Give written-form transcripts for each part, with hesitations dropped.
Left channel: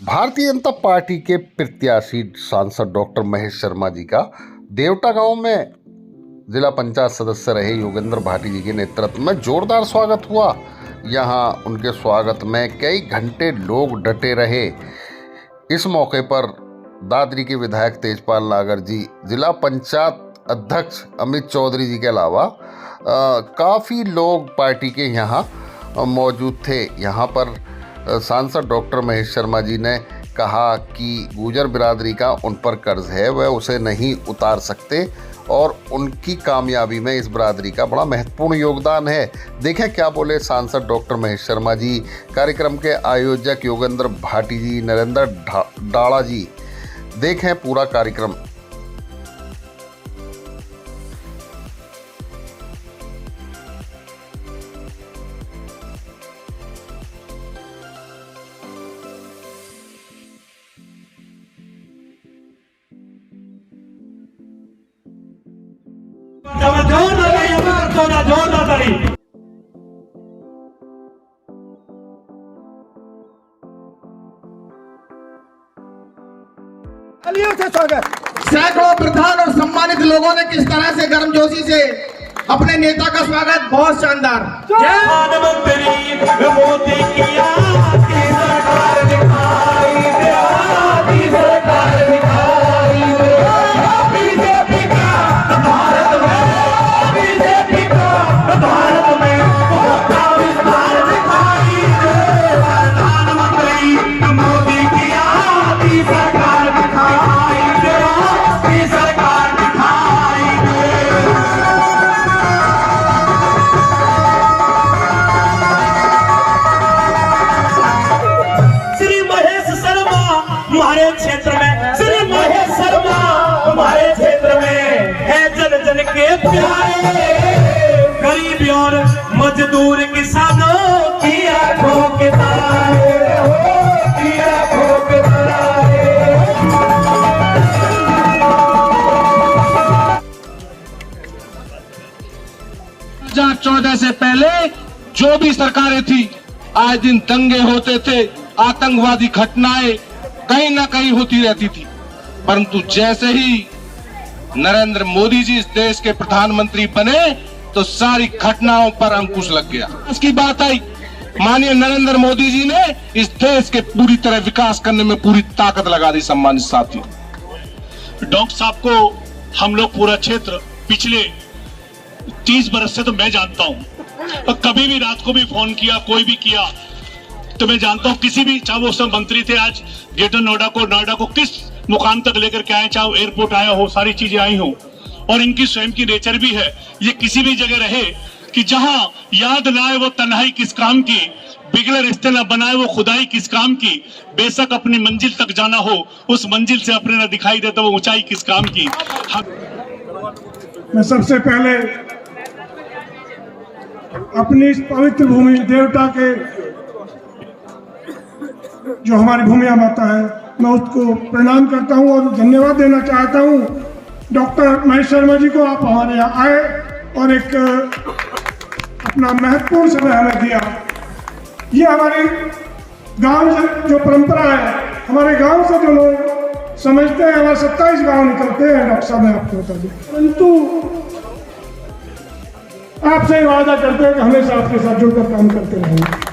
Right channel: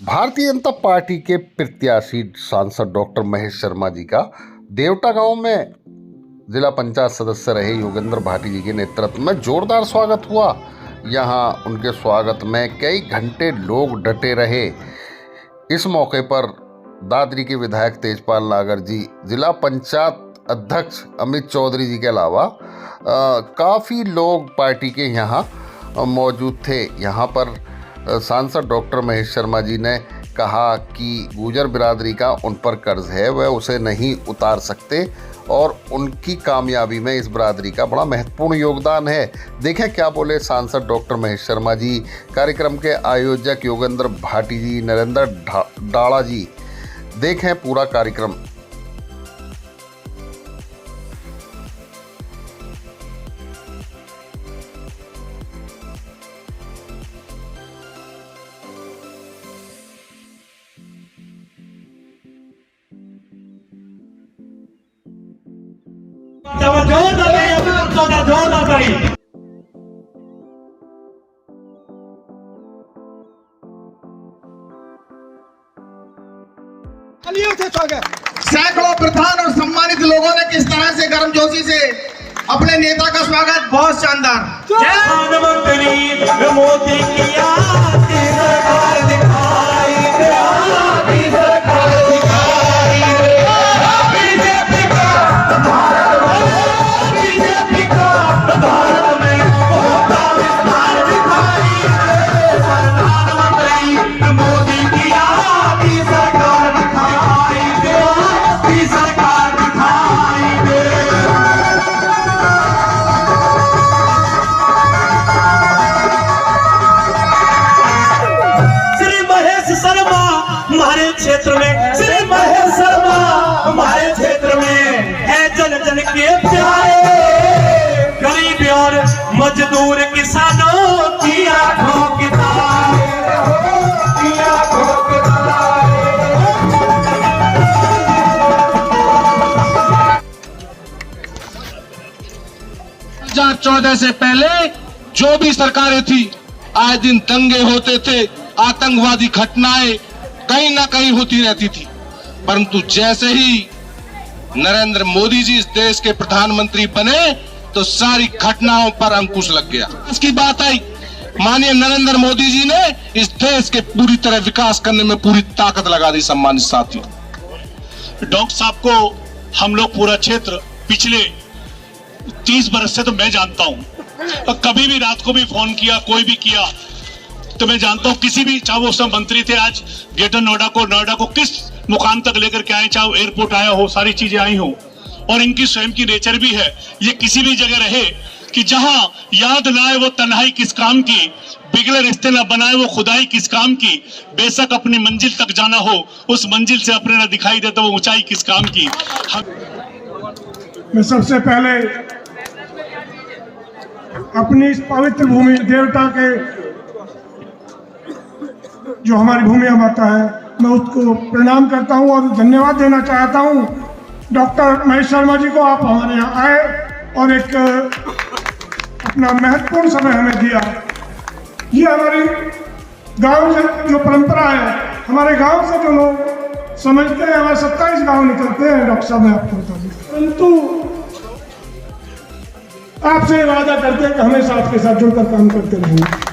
Bharatiya Janata party के प्रत्याशी सांसद डॉक्टर महेश शर्मा जी का देवटा गांव में जिला पंचायत सदस्य रहे योगेंद्र भाटी जी के नेतृत्व में जोरदार स्वागत हुआ। यहां उनके स्वागत में कई घंटे लोग डटे रहे। इस मौके पर दादरी के विधायक तेजपाल नागर जी, जिला पंचायत अध्यक्ष अमित चौधरी जी के अलावा काफ़ी लोग पार्टी के यहाँ मौजूद थे। यहाँ पर सांसद डॉक्टर महेश शर्मा जी ने कहा कि गुर्जर बिरादरी का उन पर कर्ज है, वह उसे नहीं उतार सकते और उनकी कामयाबी में इस बिरादरी का बड़ा महत्वपूर्ण योगदान है। देखें क्या बोले सांसद डॉक्टर महेश शर्मा जी। कार्यक्रम के आयोजक योगेंद्र भाटी जी, नरेंद्र डाड़ा जी। देखें पूरा कार्यक्रम। सैकड़ों प्रधान और सम्मानित लोगों ने किस तरह से गर्मजोशी से अपने नेता का स्वागत, बहुत शानदार। प्रधानमंत्री मोदी की आपकी सरकार दिखाई दे, आपकी सरकार दिखाई दे, बीजेपी का भारत में होता विस्तार दिखाई दे, प्रधानमंत्री मोदी की आपकी सरकार दिखाई दे, आपकी सरकार दिखाई दे। श्री महेश शर्मा हमारे क्षेत्र में, श्री महेश शर्मा हमारे क्षेत्र में है जन जन के प्यारे, गरीब और मजदूर किसानों की आंखों के तारे, की आंखों के तारे। 2014 से पहले जो भी सरकारें थी, आए दिन दंगे होते थे, आतंकवादी घटनाएं कहीं ना कहीं होती रहती थी, परंतु जैसे ही नरेंद्र मोदी जी इस देश के प्रधानमंत्री बने तो सारी घटनाओं पर अंकुश लग गया। इसकी बात आई, माननीय नरेंद्र मोदी जी ने इस देश के पूरी तरह विकास करने में पूरी ताकत लगा दी। सम्मानित साथियों, डॉक्टर साहब को हम लोग पूरा क्षेत्र पिछले 30 बरस से तो मैं जानता हूं, और कभी भी रात को भी फोन किया, कोई भी किया तो मैं जानता हूं, किसी भी, चाहे वो सब मंत्री थे, आज ग्रेटर नोएडा को किस मुकाम तक लेकर के आए, चाहे एयरपोर्ट आया हो, सारी चीजें आई हो, और इनकी स्वयं की नेचर भी है, ये किसी भी जगह रहे कि जहां याद ना आए वो तन्हाई किस काम की, बिगड़े रिश्ते न बनाए वो खुदाई किस काम की, बेशक अपनी मंजिल तक जाना हो, उस मंजिल से अपने न दिखाई देता वो ऊंचाई किस काम की। मैं सबसे पहले अपनी इस पवित्र भूमि देवटा के, जो हमारी भूमि माता है, मैं उसको प्रणाम करता हूं और धन्यवाद देना चाहता हूं डॉक्टर महेश शर्मा जी को। आप हमारे यहाँ आए और एक अपना महत्वपूर्ण समय हमें दिया। ये हमारी गांव से जो परंपरा है, हमारे गांव से जो लोग समझते हैं, हमारे 27 गांव निकलते हैं, डॉक्टर साहब ने आपको बता दी, परंतु आपसे वादा करते हैं कि हमेशा आपके साथ जुड़कर काम करते रहेंगे।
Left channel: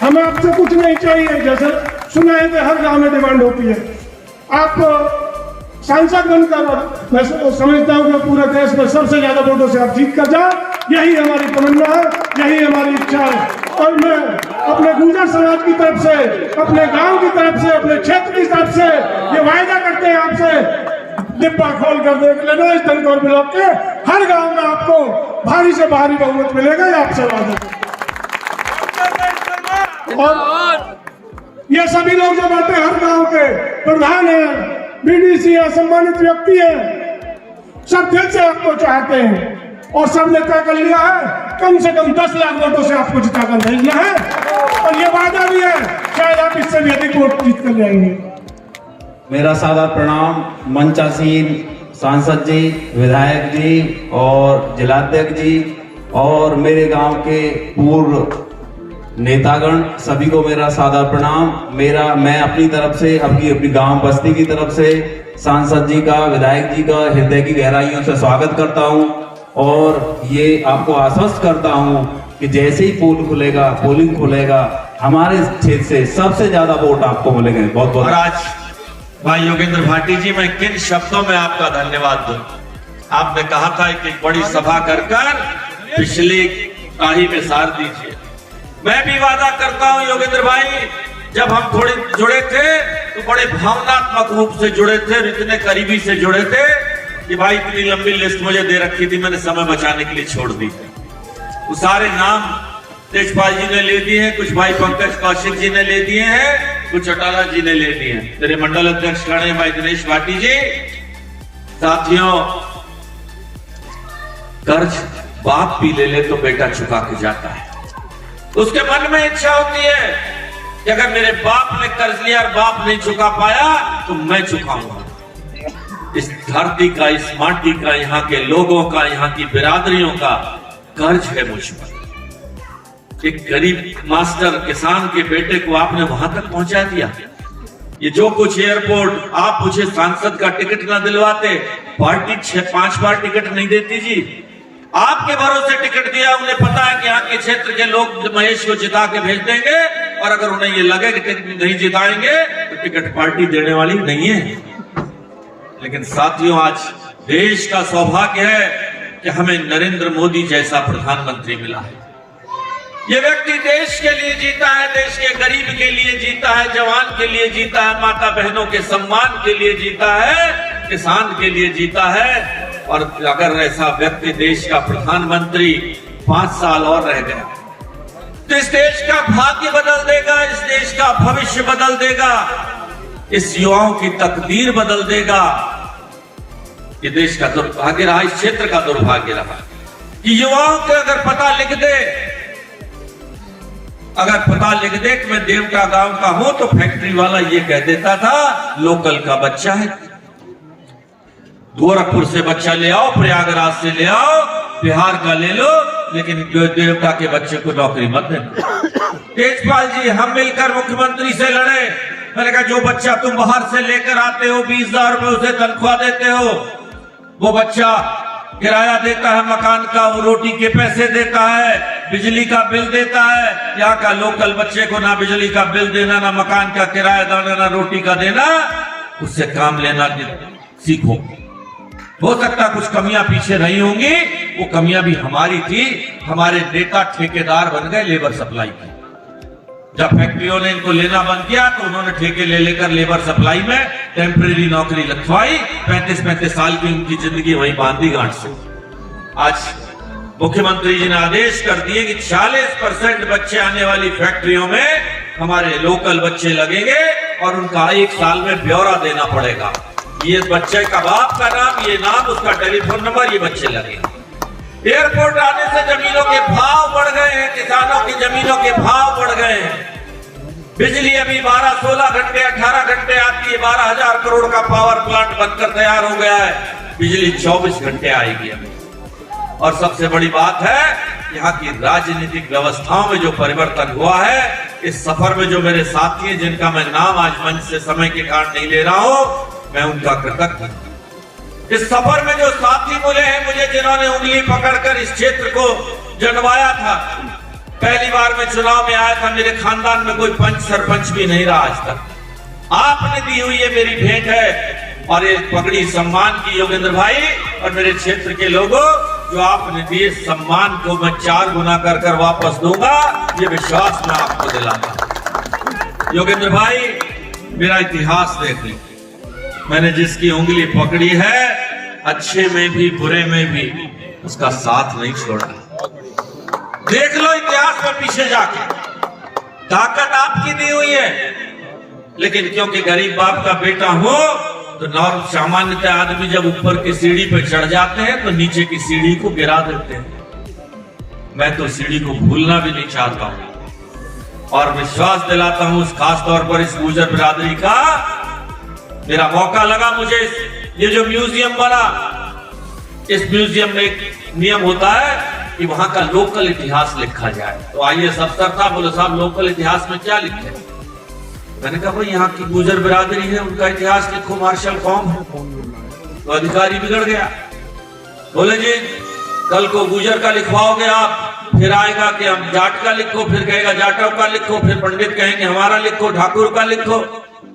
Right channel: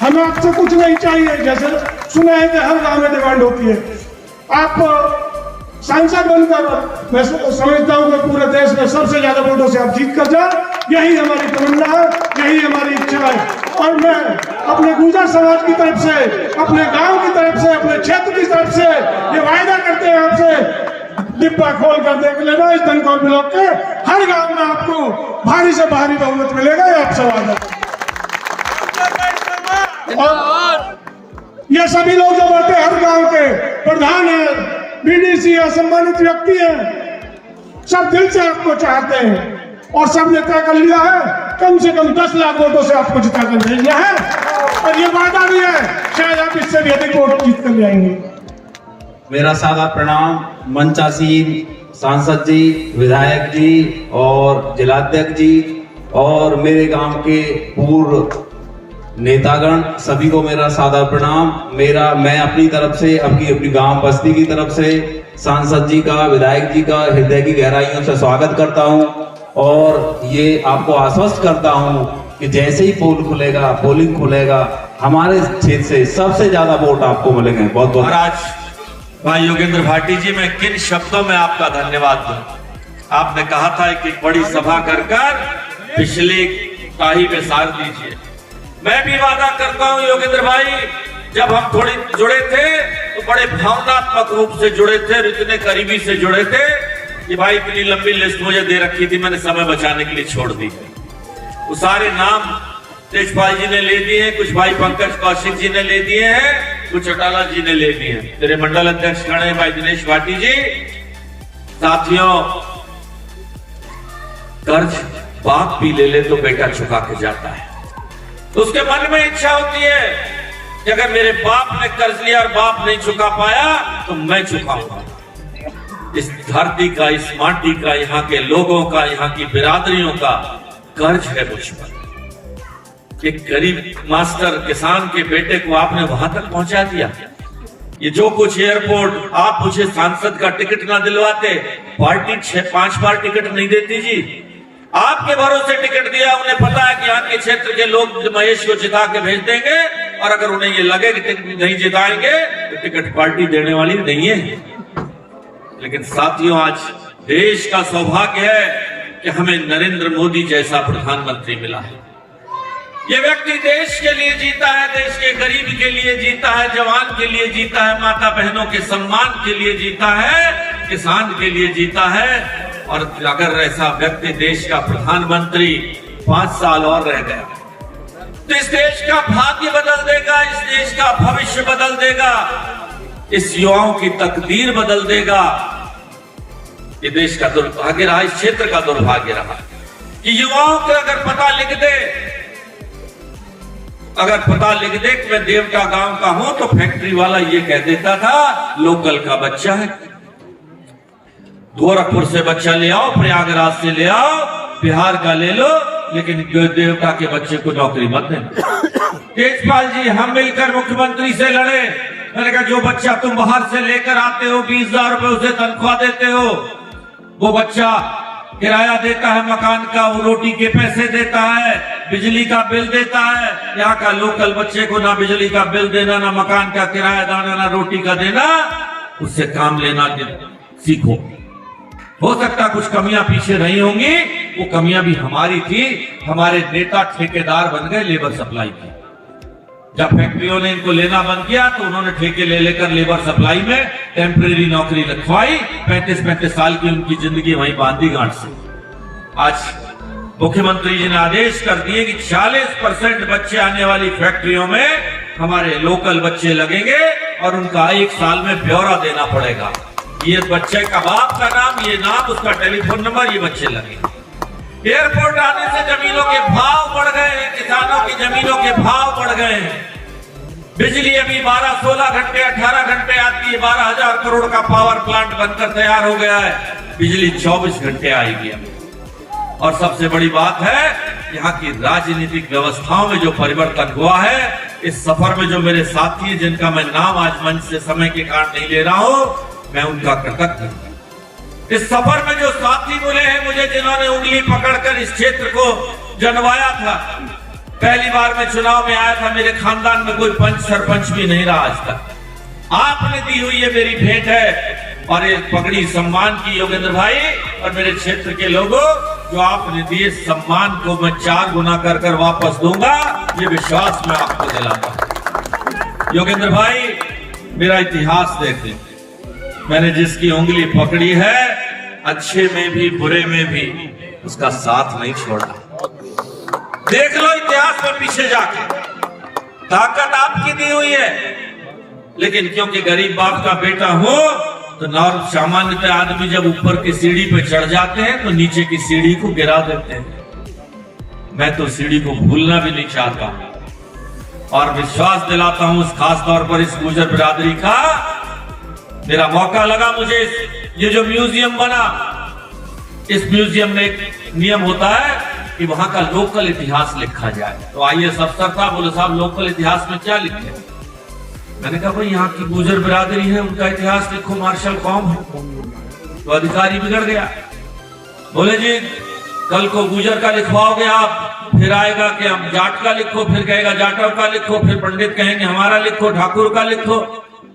हमें आपसे कुछ नहीं चाहिए, जैसे सुना है कि हर गांव में डिमांड होती है। आप सांसद बनकर, मैं समझता हूं कि पूरे देश में सबसे ज्यादा वोटों से आप जीत कर जाए, यही हमारी तमन्ना है, यही हमारी इच्छा है। और मैं अपने गुर्जर समाज की तरफ से, अपने गांव की तरफ से, अपने क्षेत्र की तरफ से ये वायदा करते हैं आपसे, डिब्बा खोल कर देख लेना, इस धनकौर ब्लॉक के हर गांव में आपको भारी से भारी बहुमत मिलेगा, ये आपसे वादा। ये सभी लोग जो बैठे हर गांव के प्रधान हैं, बीडीसी है, सम्मानित व्यक्ति हैं, सब दिल से आपको चाहते हैं और सब ने तय कर लिया है कम से कम 10 लाख वोटों से आपको जिताकर भेजना है, और ये वादा भी है, शायद आप इससे भी अधिक वोट जीत कर जाएंगे। मेरा सादा प्रणाम मंचासीन सांसद जी, विधायक जी और जिलाध्यक्ष जी और मेरे गांव के पूर्व नेतागण सभी को मेरा सादर प्रणाम। मैं अपनी तरफ से अपनी गांव बस्ती की तरफ से सांसद जी का, विधायक जी का हृदय की गहराइयों से स्वागत करता हूं और ये आपको आश्वस्त करता हूं कि जैसे ही पोलिंग खुलेगा हमारे क्षेत्र से सबसे ज्यादा वोट आपको मिलेंगे। बहुत बहुत महाराज भाई योगेंद्र भाटी जी, मैं किन शब्दों में आपका धन्यवाद दूं। आपने कहा था कि बड़ी सभा कर पिछले ताही में सार दीजिए। मैं भी वादा करता हूं योगेंद्र भाई, जब हम थोड़े जुड़े थे तो बड़े भावनात्मक रूप से जुड़े थे और इतने करीबी से जुड़े थे कि भाई इतनी लंबी लिस्ट मुझे दे रखी थी, मैंने समय बचाने के लिए छोड़ दी। वो सारे नाम तेजपाल जी ने ले दिए हैं, कुछ भाई पंकज कौशिक जी ने ले दिए हैं, कुछ चौटाला जी ने ले दिए हैं। मेरे मंडल अध्यक्ष खड़े भाई दिनेश भाटी जी। साथियों, कर्ज बाप भी ले ले तो बेटा चुका के जाता है। उसके मन में इच्छा होती है कि अगर मेरे बाप ने कर्ज लिया और बाप नहीं चुका पाया तो मैं चुकाऊंगा। इस धरती का, इस माटी का, यहाँ के लोगों का, यहाँ की बिरादरियों का कर्ज है मुझ पर। एक गरीब मास्टर किसान के बेटे को आपने वहां तक पहुंचा दिया। ये जो कुछ एयरपोर्ट, आप मुझे सांसद का टिकट ना दिलवाते, पार्टी 6-5 बार टिकट नहीं देती जी। आपके भरोसे टिकट दिया, उन्हें पता है कि यहाँ के क्षेत्र के लोग महेश को जिता के भेज देंगे और अगर उन्हें ये लगे कि टिकट नहीं जिताएंगे तो टिकट पार्टी देने वाली नहीं है। लेकिन साथियों, आज देश का सौभाग्य है कि हमें नरेंद्र मोदी जैसा प्रधानमंत्री मिला है। ये व्यक्ति देश के लिए जीता है, देश के गरीब के लिए जीता है, जवान के लिए जीता है, माता बहनों के सम्मान के लिए जीता है, किसान के लिए जीता है। और अगर ऐसा व्यक्ति देश का प्रधानमंत्री 5 साल और रह गया तो इस देश का भाग्य बदल देगा, इस देश का भविष्य बदल देगा, इस युवाओं की तकदीर बदल देगा। ये देश का दुर्भाग्य रहा, इस क्षेत्र का दुर्भाग्य रहा कि युवाओं को अगर पता लिख दे कि मैं देवटा गांव का हूं तो फैक्ट्री वाला ये कह देता था लोकल का बच्चा है, गोरखपुर से बच्चा ले आओ, प्रयागराज से ले आओ, बिहार का ले लो, लेकिन देवता के बच्चे को नौकरी मत देना। तेजपाल जी, हम मिलकर मुख्यमंत्री से लड़े। मैंने कहा जो बच्चा तुम बाहर से लेकर आते हो, 20,000 रुपए उसे तनख्वाह देते हो, वो बच्चा किराया देता है मकान का, वो रोटी के पैसे देता है, बिजली का बिल देता है। यहाँ का लोकल बच्चे को ना बिजली का बिल देना, ना मकान का किराया देना, ना रोटी का देना, उससे काम लेना सीखो। हो सकता कुछ कमियां पीछे रही होंगी, वो कमियां भी हमारी थी। हमारे नेता ठेकेदार बन गए लेबर सप्लाई की। जब फैक्ट्रियों ने इनको लेना बंद किया तो उन्होंने ठेके ले लेकर लेबर सप्लाई में टेम्परेरी नौकरी रखवाई। 35-35 साल की उनकी जिंदगी वहीं बांधी गांठ से। आज मुख्यमंत्री जी ने आदेश कर दिए कि 40% बच्चे आने वाली फैक्ट्रियों में हमारे लोकल बच्चे लगेंगे और उनका 1 साल में ब्यौरा देना पड़ेगा। ये बच्चे का बाप का नाम, ये नाम, उसका टेलीफोन नंबर, ये बच्चे लगेंगे। एयरपोर्ट आने से जमीनों के भाव बढ़ गए हैं, किसानों की जमीनों के भाव बढ़ गए हैं। बिजली अभी 12-16 घंटे 18 घंटे आती है, 12,000 करोड़ का पावर प्लांट बनकर तैयार हो गया है, बिजली 24 घंटे आएगी अभी। और सबसे बड़ी बात है, यहाँ की राजनीतिक व्यवस्थाओं में जो परिवर्तन हुआ है, इस सफर में जो मेरे साथी हैं, जिनका मैं नाम आज मंच से समय के कारण नहीं ले रहा हूं, मैं उनका कृतज्ञ हूं। इस सफर में जो साथी मिले हैं मुझे, जिन्होंने उंगली पकड़कर इस क्षेत्र को जनवाया था। पहली बार मैं चुनाव में आया था, मेरे खानदान में कोई पंच सरपंच भी नहीं रहा आज तक। आपने दी हुई ये मेरी भेंट है और ये पगड़ी सम्मान की योगेंद्र भाई और मेरे क्षेत्र के लोगों, जो आपने दिए सम्मान को मैं 4 गुना कर वापस दूंगा, ये विश्वास मैं आपको दिलाता हूं। योगेंद्र भाई, मेरा इतिहास देख लें, मैंने जिसकी उंगली पकड़ी है, अच्छे में भी बुरे में भी उसका साथ नहीं छोड़ा। देख लो इतिहास में पीछे जाके, ताकत आपकी दी हुई है, लेकिन क्योंकि गरीब बाप का बेटा हो तो सामान्यतः आदमी जब ऊपर की सीढ़ी पे चढ़ जाते हैं तो नीचे की सीढ़ी को गिरा देते हैं। मैं तो सीढ़ी को भूलना भी नहीं चाहता हूं और विश्वास दिलाता हूं, खास तौर पर इस गुर्जर बिरादरी का। मेरा मौका लगा, मुझे ये जो म्यूजियम बना, इस म्यूजियम में एक नियम होता है कि वहां का लोकल इतिहास लिखा जाए। तो आईएएस अफसर था, बोले साहब लोकल इतिहास में क्या लिखे? मैंने कहा भाई यहाँ की गुजर बिरादरी है, उनका इतिहास लिखो, मार्शल कौम है। तो अधिकारी बिगड़ गया, बोले जी कल को गुजर का लिखवाओगे आप, फिर आएगा कि हम जाट का लिखो, फिर कहेगा जाटव का लिखो, फिर पंडित कहेंगे हमारा लिखो, ठाकुर का लिखो।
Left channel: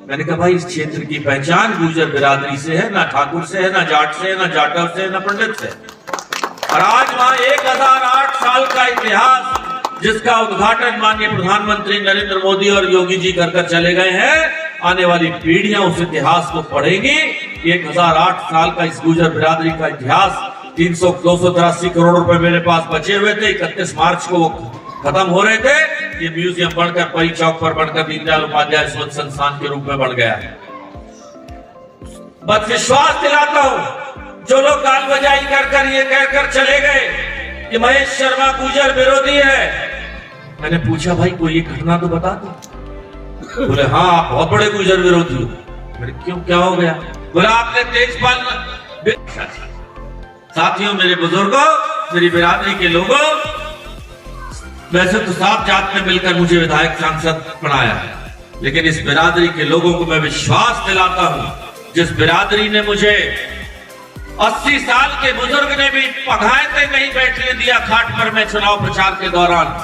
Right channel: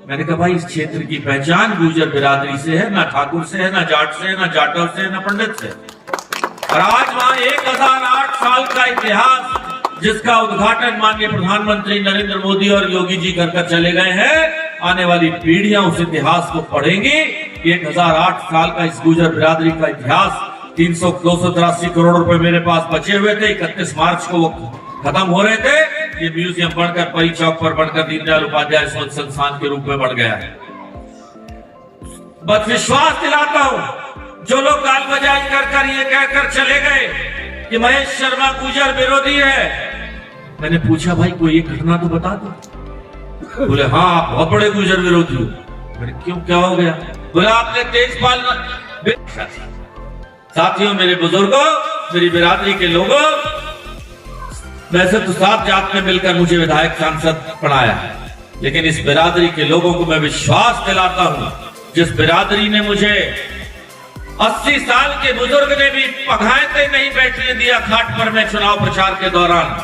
मैंने कहा भाई इस क्षेत्र की पहचान गुजर बिरादरी से है, ना ठाकुर से है, ना जाट से है, ना जाटव से है, ना पंडित से। और आज वहां 1008 साल का इतिहास, जिसका उद्घाटन माननीय प्रधानमंत्री नरेंद्र मोदी और योगी जी कर चले गए हैं, आने वाली पीढ़ियां उस इतिहास को पढ़ेंगी। 1008 साल का इस गुजर बिरादरी का इतिहास, 283 करोड़ रुपए मेरे पास बचे हुए थे, 31 मार्च को वो खत्म हो रहे थे। ये म्यूजियम बनकर परी चौक पर बनकर दीनदयाल उपाध्याय शोध संस्थान के रूप में बन गया है। बस विश्वास दिलाता हूं, जो लोग गाल बजाई कर ये कहकर चले गए कि महेश शर्मा गुजर विरोधी है, मैंने पूछा भाई कोई एक घटना तो बता दो। बोले हाँ आप बहुत बड़े गुजर विरोधी हो। मैंने क्यों, क्या हो गया? बोला आपने तेजपाल। साथियों, मेरे बुजुर्गों, मेरी बिरादरी के लोगों, वैसे तो साफ जात में मिलकर मुझे विधायक सांसद बनाया है, लेकिन इस बिरादरी के लोगों को मैं विश्वास दिलाता हूं, जिस बिरादरी ने मुझे 80 साल के बुजुर्ग ने भी पघायते नहीं बैठने दिया खाट पर मैं चुनाव प्रचार के दौरान,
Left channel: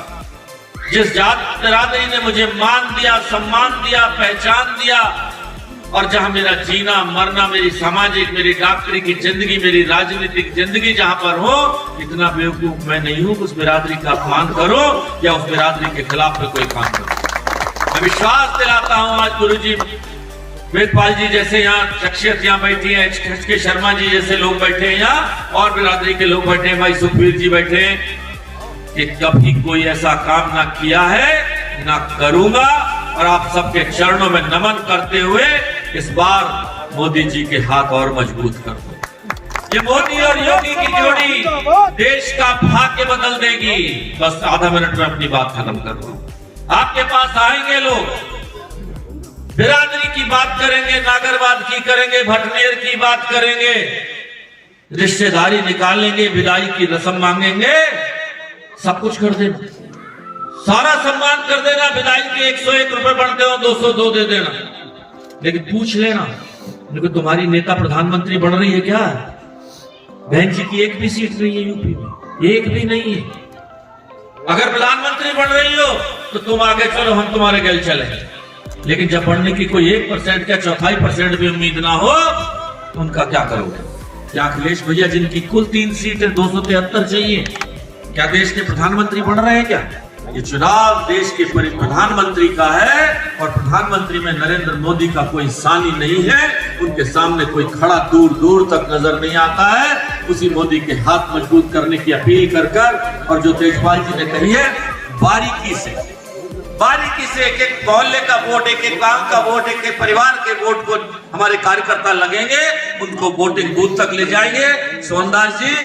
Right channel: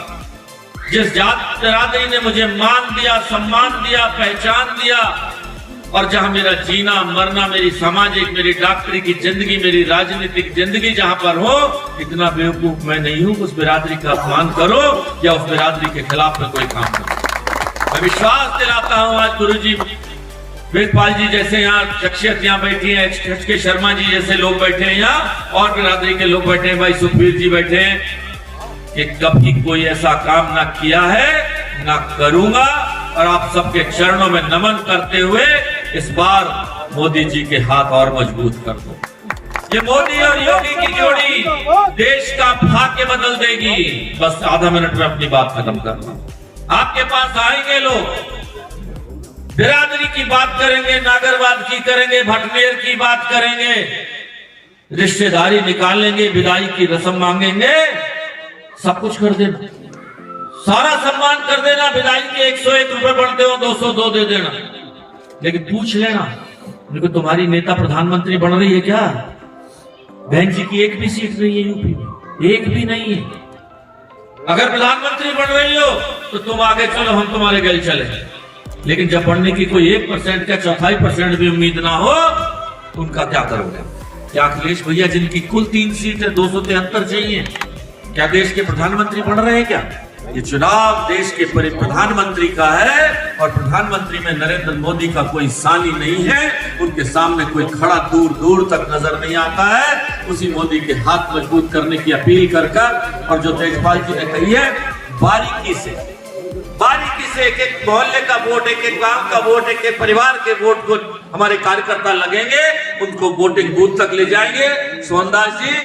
जिस जात बिरादरी ने मुझे मान दिया, सम्मान दिया, पहचान दिया, और जहां मेरा जीना मरना, मेरी सामाजिक, मेरी डॉक्टरी की जिंदगी, मेरी राजनीतिक जिंदगी जहां पर हो, इतना बेवकूफ मैं नहीं हूं उस बिरादरी का अपमान करो या उस बिरादरी के खिलाफ में कोई काम करो। मैं विश्वास दिलाता हूं, आज गुरुजी वेदपाल जी जैसे यहाँ शख्सियत यहाँ बैठी है, के शर्मा जी जैसे लोग बैठे हैं यहाँ, और बिरादरी के लोग बैठे हैं, भाई सुखबीर जी बैठे हैं, कि कभी कोई ऐसा काम ना किया है ना करूंगा। और आप सबके चरणों में नमन करते हुए इस बार मोदी जी के हाथ और मजबूत कर दो। ये मोदी और योगी की जोड़ी देश का भाग्य बदल देगी। बस आधा मिनट में अपनी बात खत्म कर रहा हूं। आपके पास आएंगे लोग, बिरादरी की बात करेंगे, नागरवाद की करेंगे, भटनेर की बात करेंगे, रिश्तेदारी निकालेंगे, विदाई की रस्म मांगेंगे, सब कुछ कर देना, सारा सम्मान कर देना। विदाई के 101 रुपए बनते हो, 202 दे देना, लेकिन पूछ लेना देखो तुम्हारी नेता प्रधानमंत्री बन रही है क्या? बहन जी की एक भी सीट नहीं है यूपी में, एक भी नहीं है। अगर प्रधानमंत्री बन रही हो तो तुम आगे चलो, हम तुम्हारे गल चले, लेकिन जब बढ़ने की कोई 1% का 4% भी उम्मीद ना हो तो उनका क्या करोगे? क्या अखिलेश भैया जिनकी कुल 3 सीट है, 273 चाहिए, क्या देश के प्रधानमंत्री बन रहे हैं क्या? ये चुनाव देश के प्रधानमंत्री का है, और प्रधानमंत्री में नरेंद्र मोदी का कोई सानी नहीं है, उनके सामने कोई खड़ा दूर दूर तक नजर नहीं आता है। उसी मोदी के हाथ मजबूत करने की अपील कर और जो तेजपाल जी ने कही है, बारीकी से एक एक मोहल्ले का वोट, एक एक गांव का वोट, एक एक परिवार के वोट को हमारे कार्यकर्ता लगेंगे, उनको वोटिंग बूथ तक ले जाएंगे। सोनदास जी